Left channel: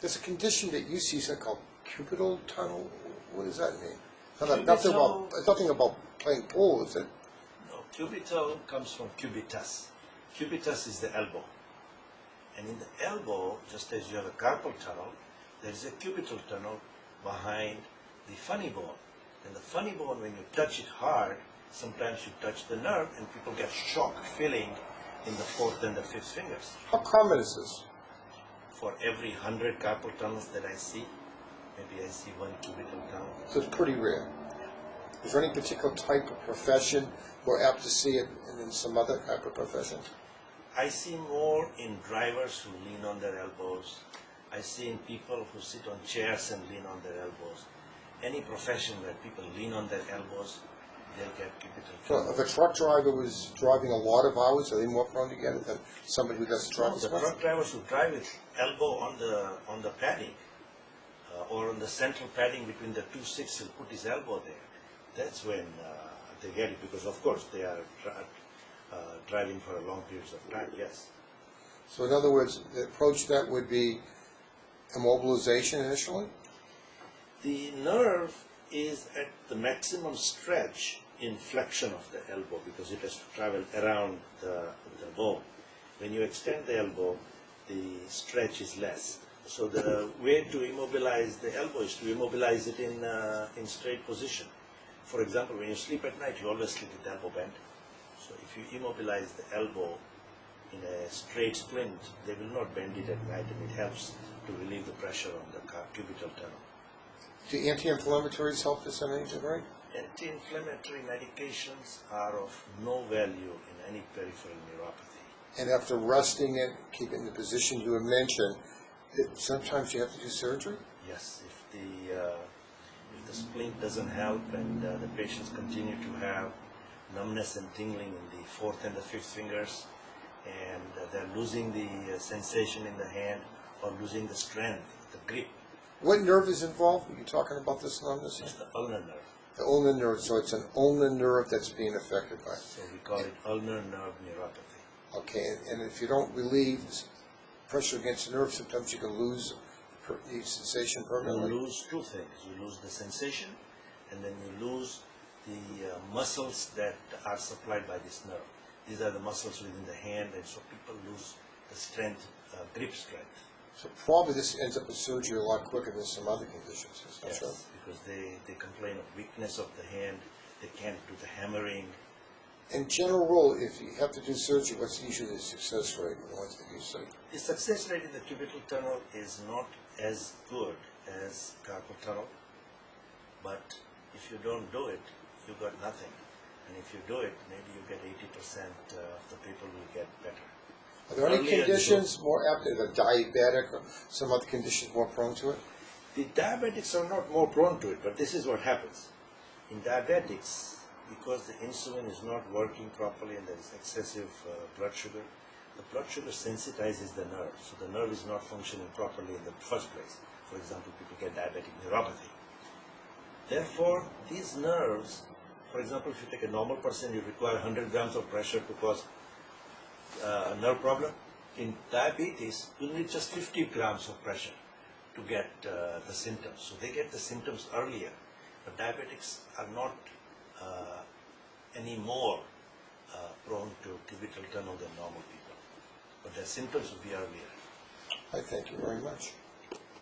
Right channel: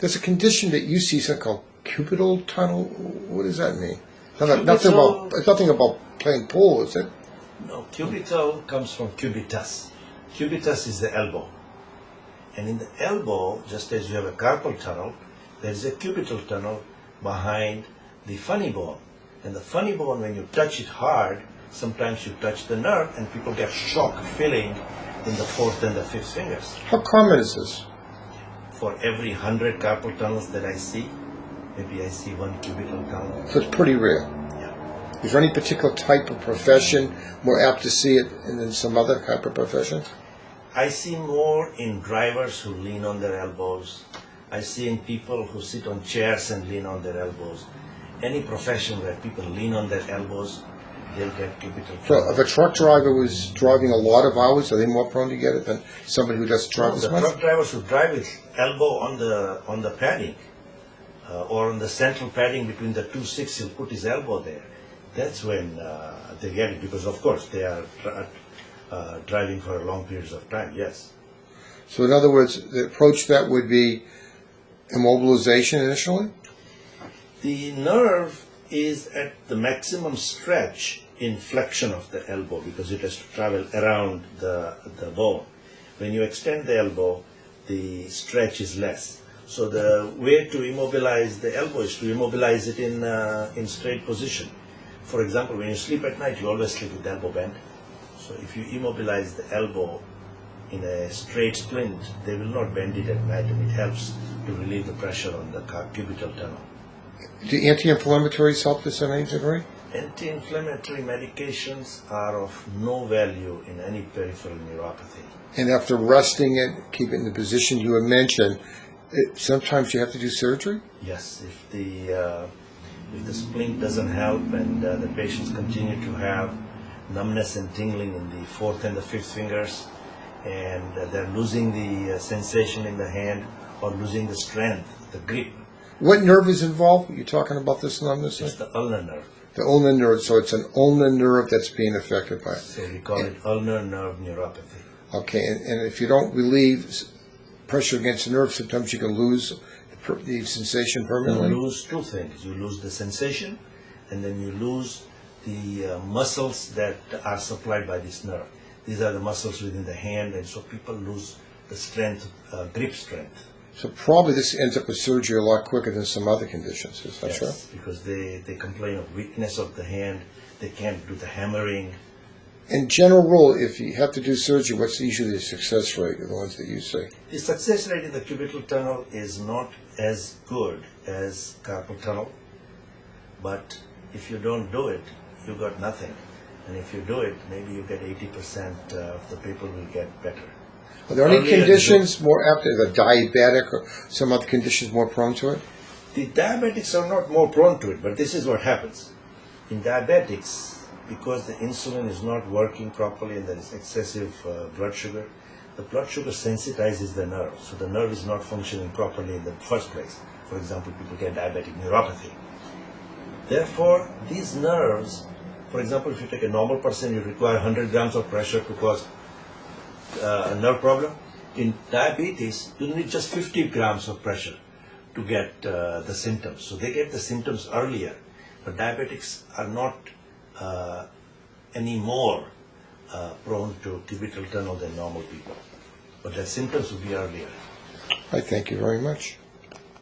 There's a condition that you see, something called Cubital Tunnel. What does that mean? It's nothing about playing pool, is it? No, cubital comes from cubitus. Cubitus is the elbow. And in the elbow, just as you have a carpal tunnel, there is a cubital tunnel behind the funny bone. And the funny bone, when you touch it hard, sometimes you touch the nerve and people get shock feeling in the fourth and the fifth fingers. How common is this? For every 100 carpal tunnels that I see, maybe I see one cubital tunnel. So it's pretty rare. Yeah. Is there any particular type of profession more apt to see it than some other type of profession? I see more in drivers who lean on their elbows. I see in people who sit on chairs and lean on their elbows. Any profession where people lean on their elbows, they'll get cubital tunnel. So if a truck driver was driving a lot of hours, are they more prone to get it than somebody who doesn't drive as The much? truck drivers who drive with elbow on the padding or on the central padding between the 2 6, he'll put his elbow there. That's when they get it, because of course they are driving for a long periods of time, yes. So in other words, the approach to that would be immobilization initially? The nerve is at the maximum stretch in flexion of the elbow because it has to travel around the bone. When you extend the elbow, the stretch is less. So the way to immobilize the elbow is to immobilize it in straight position. For example, when you sleep at night, you always sleep with the elbow bent. So if you immobilize the elbow in a straight splint, they will not bend it at night, and it helps to relieve the pressure on the cubital tunnel. Do anti-inflammatories help this in any degree? Anti-inflammatory medications are of no value in any peripheral neuropathy. And after resting it, keep it in the position you had mentioned, sometimes you have to do surgery? Yes, if the splint doesn't help and the patients continue to have numbness and tingling in the fourth and the fifth fingers, and they're losing the sensation in the hand or losing the strength, the grip. What nerve is involved? You're talking about this numbness? It's the ulnar nerve. The ulnar nerve, so it's an ulnar nerve that's being affected by it. So we call it ulnar nerve neuropathy. Okay, and if you don't relieve pressure against the nerve, sometimes you can lose the sensation permanently? You lose two things. You lose the sensation, and then you lose the muscles that are supplied by this nerve. These are the muscles within the hand, and so people lose the strength, grip strength. So probably this ends up with surgery a lot quicker than some other conditions, is that yes, true? Because they complain of weakness of the hand, they can't do the hammering. In general rule, if you have to do surgery, what's usually the success rate of the ones that you see? The success rate in the cubital tunnel is not as good as carpal tunnel, but if you don't do it, you got nothing. And if you do it, maybe you get 80% of the people will get better. Are there any conditions more apt, the diabetic or some other conditions more prone to it? The diabetics are not more prone to it, but this is what happens. In diabetics, because the insulin is not working properly and there is excessive blood sugar, the blood sugar sensitizes the nerve. So the nerve is not functioning properly in the first place. For example, people get diabetic neuropathy. Therefore, these nerves, for example, if you take a normal person, you require 100 grams of pressure to cause a nerve problem. In diabetes, you need just 50 grams of pressure to get the symptoms. So they get the symptoms earlier. But diabetics are not any more prone to cubital tunnel than normal people. But their symptoms will be earlier. I thank you very much.